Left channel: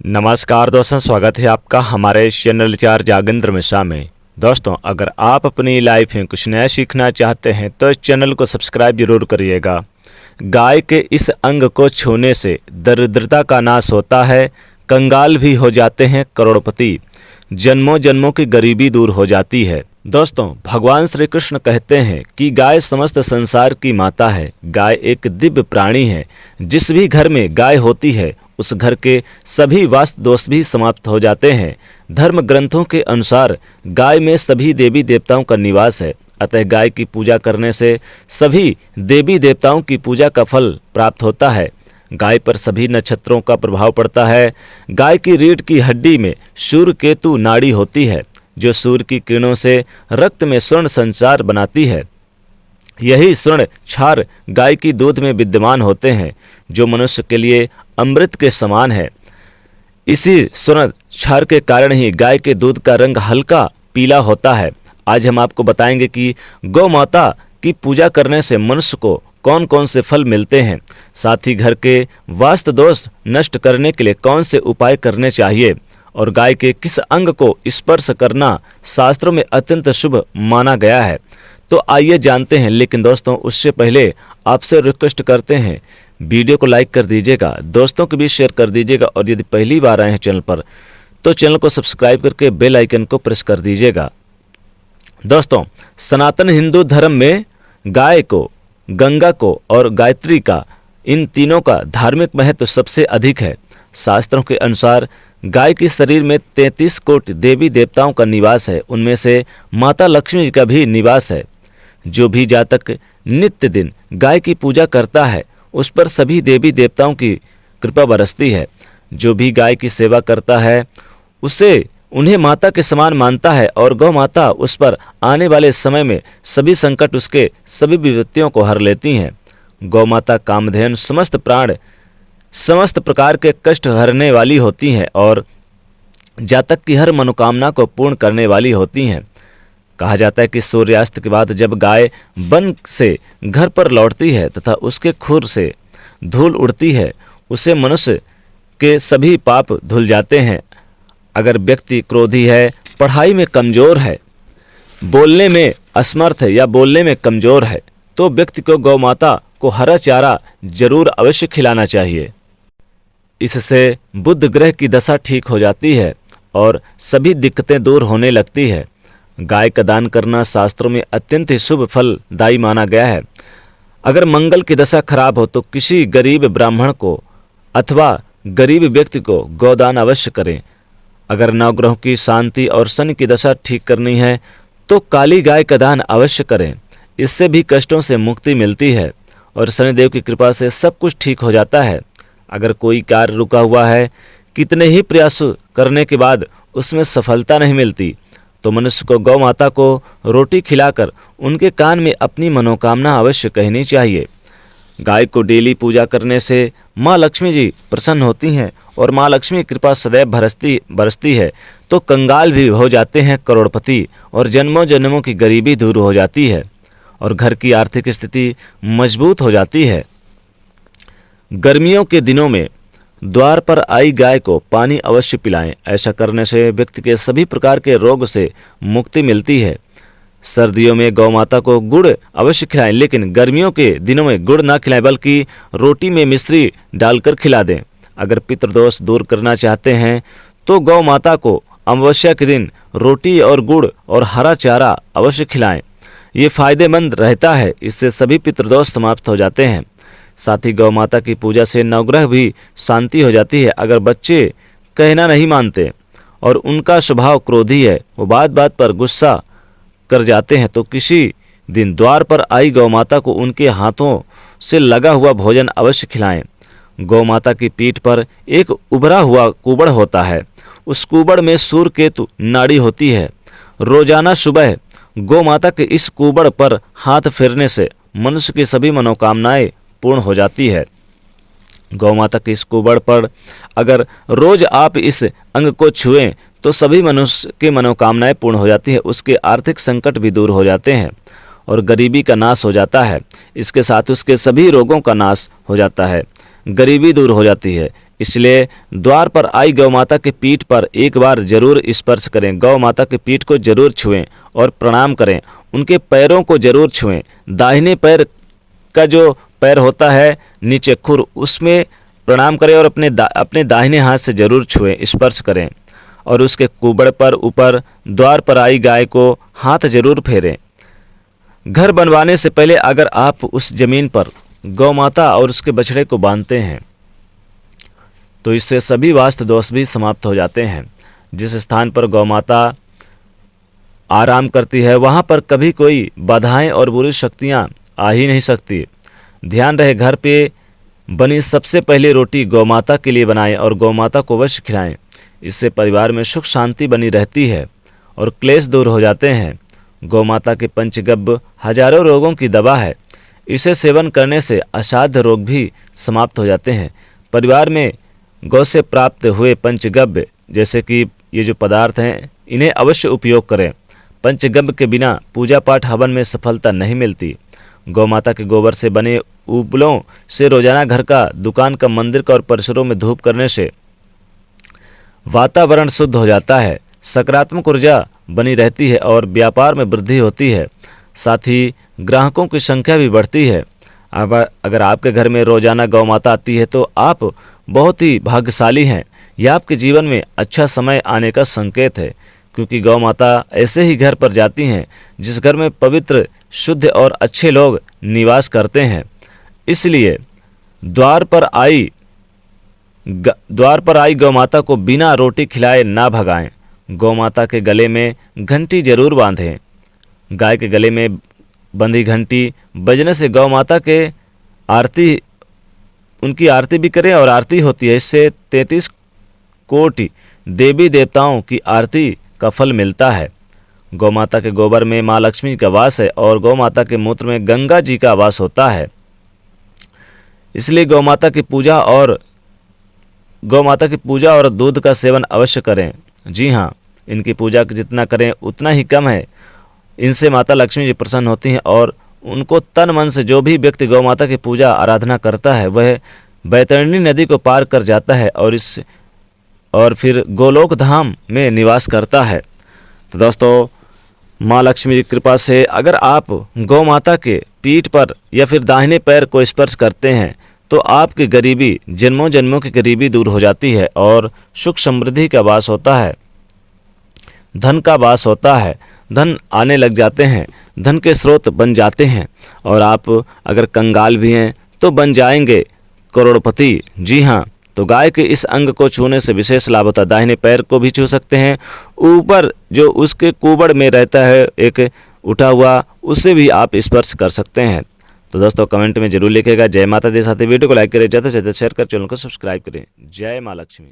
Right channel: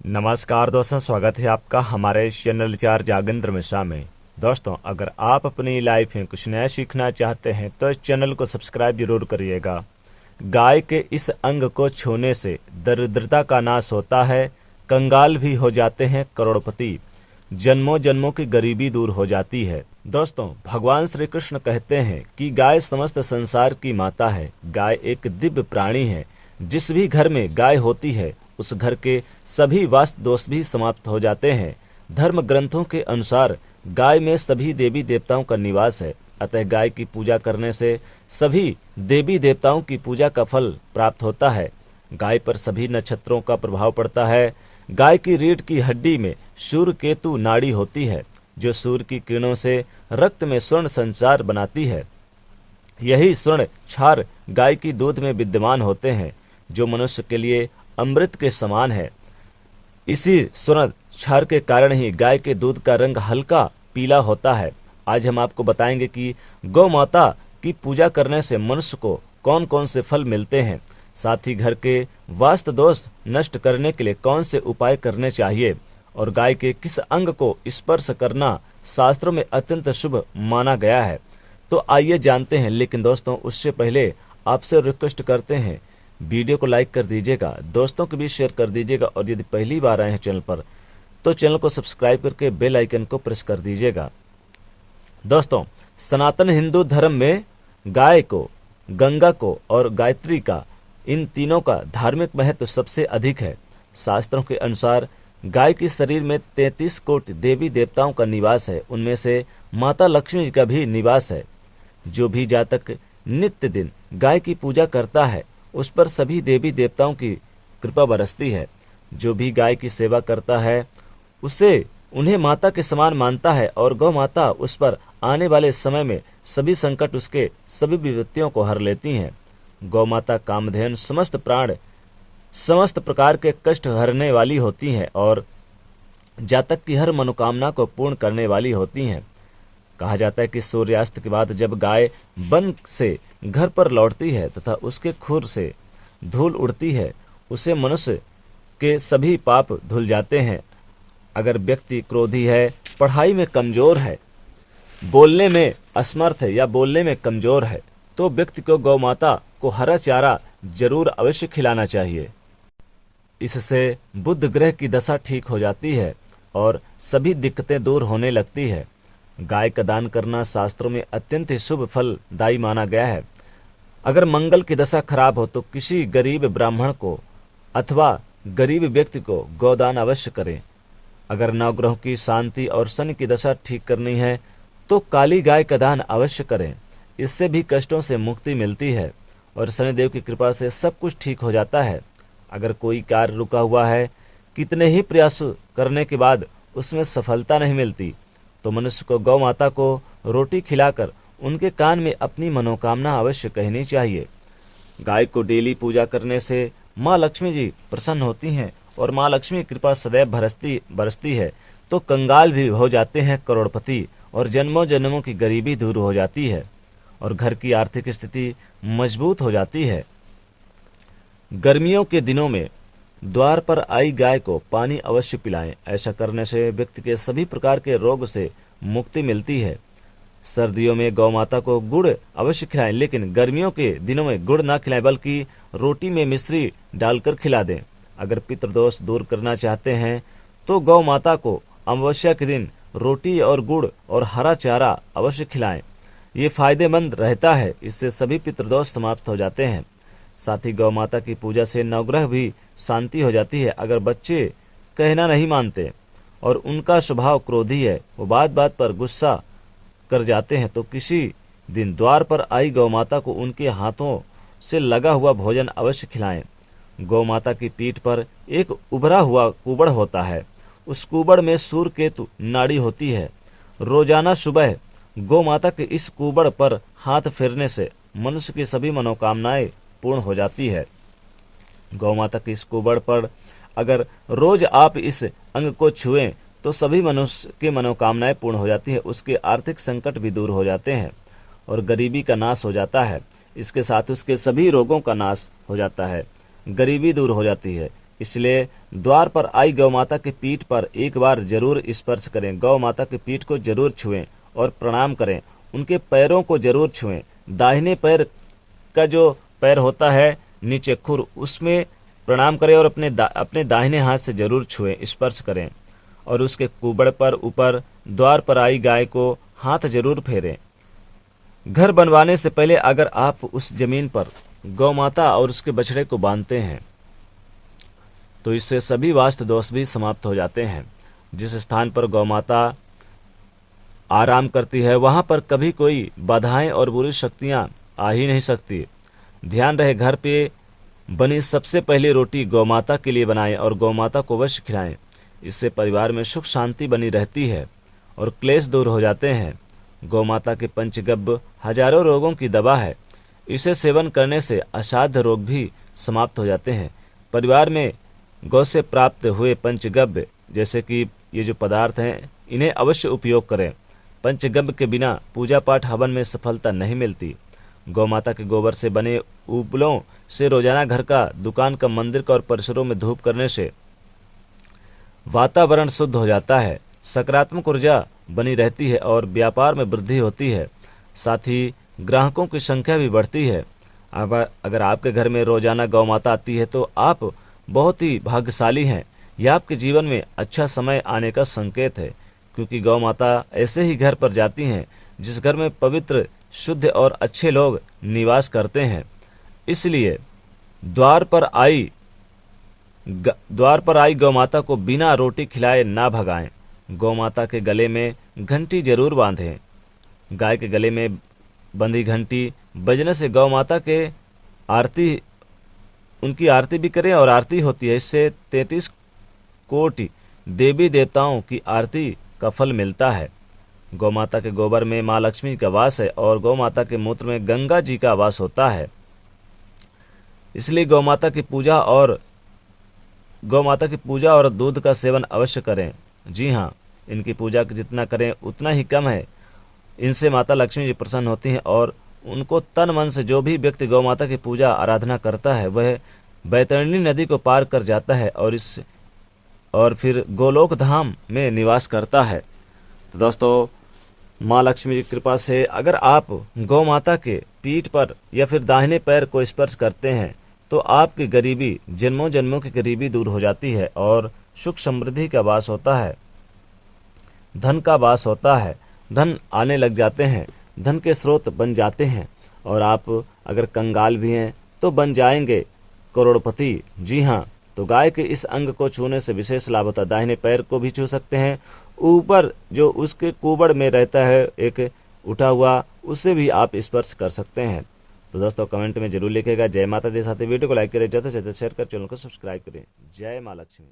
नमस्कार दोस्तों, स्वागत है आपका हमारे इस चैनल चार जागेंद्र मिश्रा में। दोस्तों, अगर आप अपनी लाइफ में कुछ नया सीखना चाहते हैं तो इस चैनल को सब्सक्राइब जरूर करिएगा। गाय के इस अंग को छूने से दरिद्रता का नाश होता है, कंगाल भी हो जाते हैं करोड़पति, जन्मों जन्मों की गरीबी दूर हो जाती है। दोस्तों, भगवान श्री कृष्ण कहते हैं कि गाय समस्त संसार की माता है। गाय एक दिव्य प्राणी है। जिस भी घर में गाय होती है उस घर के सभी वास्तु दोष भी समाप्त हो जाते हैं। धर्म ग्रंथों के अनुसार गाय में सभी देवी देवताओं का निवास है, अतः गाय की पूजा करने से सभी देवी देवताओं की पूजा का फल प्राप्त होता है। गाय पर सभी नक्षत्रों का प्रभाव पड़ता है। गाय की रीढ़ की हड्डी में सूर्य केतु नाड़ी होती है, जो सूर्य की किरणों से रक्त में स्वर्ण संचार बनाती है। यही स्वर्ण क्षार गाय की दूध में विद्यमान होते हैं, जो मनुष्य के लिए अमृत के समान है। इसी स्वर्ण क्षार के कारण ही गाय के दूध का रंग हल्का पीला होता है। आज हम आपको बताएंगे कि गौ माता की पूजा करने से मनुष्य को कौन कौन से फल मिलते हैं, साथ ही घर के वास्तु दोष नष्ट करने के लिए कौन से उपाय करने चाहिए, और गाय के किस अंग को स्पर्श करना शास्त्रों में अत्यंत शुभ माना गया है। तो आइए जानते हैं। लेकिन दोस्तों, उससे पहले आपसे रिक्वेस्ट करते हैं, वीडियो को लाइक कर दीजिएगा, दोस्तों को भी शेयर कर दीजिएगा, और यदि पहली बार आए हैं चैनल पर तो चैनल को सब्सक्राइब करके बेल आइकन को प्रेस कर दीजिएगा। दोस्तों, सनातन हिंदू धर्म में गाय को, गंगा को और गायत्री का, इन तीनों का धार्मिक महत्व सबसे अधिक है। शास्त्रों के अनुसार गाय के शरीर में 33 कोटि देवी देवताओं का निवास है। उनमें से माता लक्ष्मी जी का भी निवास है। जो भी जातक नित्य दिन गाय की पूजा करता है उस पर सभी देवी देवताओं की कृपा बरसती है। जो भी गाय की सेवा करता है उसे उन्हें माता के समान मानता है, और गौ माता उस पर आने वाले समय में सभी संकट, उसके सभी विपत्तियों को हर लेती हैं। गौ माता कामधेनु समस्त प्राण, समस्त प्रकार के कष्ट हरने वाली होती हैं और जातक की हर मनोकामना को पूर्ण करने वाली होती हैं। कहा जाता है कि सूर्यास्त के बाद जब गाय वन से घर पर लौटती है तथा उसके खुर से धूल उड़ती है, उससे मनुष्य के सभी पाप धुल जाते हैं। अगर व्यक्ति क्रोधी है, पढ़ाई में कमजोर है, बोलने में असमर्थ है या बोलने में कमजोर है, तो व्यक्ति को गौ माता को हरा चारा जरूर अवश्य खिलाना चाहिए। इससे बुध ग्रह की दशा ठीक हो जाती है और सभी दिक्कतें दूर होने लगती है। गाय का दान करना शास्त्रों में अत्यंत ही शुभ फलदायी माना गया है। अगर मंगल की दशा खराब हो तो किसी गरीब ब्राह्मण को अथवा गरीब व्यक्ति को गोदान अवश्य करें। अगर नवग्रहों की शांति और शनि की दशा ठीक करनी है तो काली गाय का दान अवश्य करें। इससे भी कष्टों से मुक्ति मिलती है और शनिदेव की कृपा से सब कुछ ठीक हो जाता है। अगर कोई कार्य रुका हुआ है, कितने ही प्रयास करने के बाद उसमें सफलता नहीं मिलती, तो मनुष्य को गौ माता को रोटी खिलाकर उनके कान में अपनी मनोकामना अवश्य कहनी चाहिए। गाय को डेली पूजा करने से माँ लक्ष्मी जी प्रसन्न होती हैं और माँ लक्ष्मी की कृपा सदैव बरसती है, तो कंगाल भी हो जाते हैं करोड़पति, और जन्मों जन्मों की गरीबी दूर हो जाती है और घर की आर्थिक स्थिति मजबूत हो जाती है। गर्मियों के दिनों में द्वार पर आई गाय को पानी अवश्य पिलाएं। ऐसा करने से व्यक्ति के सभी प्रकार के रोग से मुक्ति मिलती है। सर्दियों में गौ माता को गुड़ अवश्य खिलाएं, लेकिन गर्मियों के दिनों में गुड़ ना खिलाएं बल्कि रोटी में मिश्री डालकर खिला दें। अगर पितृदोष दूर करना चाहते हैं तो गौ माता को अमावस्या के दिन रोटी और गुड़ और हरा चारा अवश्य खिलाएं। ये फायदेमंद रहता है, इससे सभी पितृदोष समाप्त हो जाते हैं। साथ ही गौ माता की पूजा से नवग्रह भी शांति हो जाती है। अगर बच्चे कहना नहीं मानते और उनका स्वभाव क्रोधी है, वो बात बात पर गुस्सा कर जाते हैं, तो किसी दिन द्वार पर आई गौ माता को उनके हाथों से लगा हुआ भोजन अवश्य खिलाएं। गौ माता की पीठ पर एक उभरा हुआ कुबड़ होता है। उस कुबड़ में सूर्य केतु नाड़ी होती है। रोजाना सुबह गौ माता के इस कुबड़ पर हाथ फेरने से मनुष्य की सभी मनोकामनाएं पूर्ण हो जाती है। गौ माता के इस कुबड़ पर अगर रोज आप इस अंग को छुएं तो सभी मनुष्य की मनोकामनाएं पूर्ण हो जाती है। उसके आर्थिक संकट भी दूर हो जाते हैं और गरीबी का नाश हो जाता है। इसके साथ उसके सभी रोगों का नाश हो जाता है, गरीबी दूर हो जाती है। इसलिए द्वार पर आई गौ माता के पीठ पर एक बार जरूर स्पर्श करें। गौ माता के पीठ को जरूर छुएं और प्रणाम करें। उनके पैरों को जरूर छुएं। दाहिने पैर का जो पैर होता है नीचे खुर, उसमें प्रणाम करें और अपने दाहिने हाथ से जरूर छुएं, स्पर्श करें। और उसके कुबड़ पर ऊपर द्वार पर आई गाय को हाथ जरूर फेरें। घर बनवाने से पहले अगर आप उस जमीन पर गौ माता और उसके बछड़े को बांधते हैं तो इससे सभी वास्तु दोष भी समाप्त हो जाते हैं। जिस स्थान पर गौ माता आराम करती है वहाँ पर कभी कोई बाधाएं और बुरी शक्तियाँ आ ही नहीं सकती। ध्यान रहे, घर पे बनी सबसे पहली रोटी गौ माता के लिए बनाएं और गौ माता को अवश्य खिलाएं। इससे परिवार में सुख शांति बनी रहती है और क्लेश दूर हो जाते हैं। गौ माता के पंचगव्य हजारों रोगों की दवा है। इसे सेवन करने से असाध्य रोग भी समाप्त हो जाते हैं। परिवार में गौ से प्राप्त हुए पंचगव्य जैसे कि ये जो पदार्थ हैं इन्हें अवश्य उपयोग करें। पंचगव्य के बिना पूजा पाठ हवन में सफलता नहीं मिलती। गौ माता के गोबर से बने उपलों से रोजाना घर का, दुकान का, मंदिर का और परिसरों में धूप करने से वातावरण शुद्ध हो जाता है, सकारात्मक ऊर्जा बनी रहती है और व्यापार में वृद्धि होती है। साथ ही ग्राहकों की संख्या भी बढ़ती है। अब अगर आपके घर में रोजाना गौ माता आती है तो आप बहुत ही भाग्यशाली हैं। यह आपके जीवन में अच्छा समय आने का संकेत है, क्योंकि गौ माता ऐसे ही घर पर जाती हैं जिस घर में पवित्र, शुद्ध और अच्छे लोग निवास करते हैं। इसलिए द्वार पर आई गौ माता को बिना रोटी खिलाए ना भगाएं। गौ माता के गले में घंटी जरूर बांधें। गाय के गले में बंधी घंटी बजने से गौ माता के उनकी आरती भी करें और आरती होती है। इससे 33 कोटि देवी देवताओं की आरती का फल मिलता है। गौ माता के गोबर में माँ लक्ष्मी का वास है और गौ माता के मूत्र में गंगा जी का वास होता है। इसलिए गौ माता की पूजा और दूध का सेवन अवश्य करें। जी हाँ, इनकी पूजा जितना करें उतना ही कम है। इनसे माता लक्ष्मी जी प्रसन्न होती हैं और उनको तन मन से जो भी व्यक्ति गौ माता की पूजा आराधना करता है वह बैतरणी नदी को पार कर जाता है और फिर गोलोक धाम में निवास करता है। तो दोस्तों, माँ लक्ष्मी की कृपा से अगर आप गौ माता के पीठ पर या फिर दाहिने पैर को स्पर्श करते हैं तो आपकी गरीबी, जन्मों जन्मों की गरीबी दूर हो जाती है और सुख समृद्धि का वास होता है, धन का वास होता है, धन आने लग जाते हैं, धन के स्रोत बन जाते हैं और आप अगर कंगाल भी हैं तो बन जाएंगे करोड़पति। जी हाँ, तो गाय के इस अंग को छूने से विशेष लाभ होता है। दाहिने पैर को भी छू सकते हैं, ऊपर जो उसके कुबड़ में रहता है एक उठा हुआ, उससे भी आप स्पर्श कर सकते हैं। तो दोस्तों, कमेंट में जरूर लिखिएगा। जय माता दी। साथ ही वीडियो को लाइक करें, ज़्यादा से ज़्यादा शेयर कर, चैनल को सब्सक्राइब करें। जय माँ लक्ष्मी।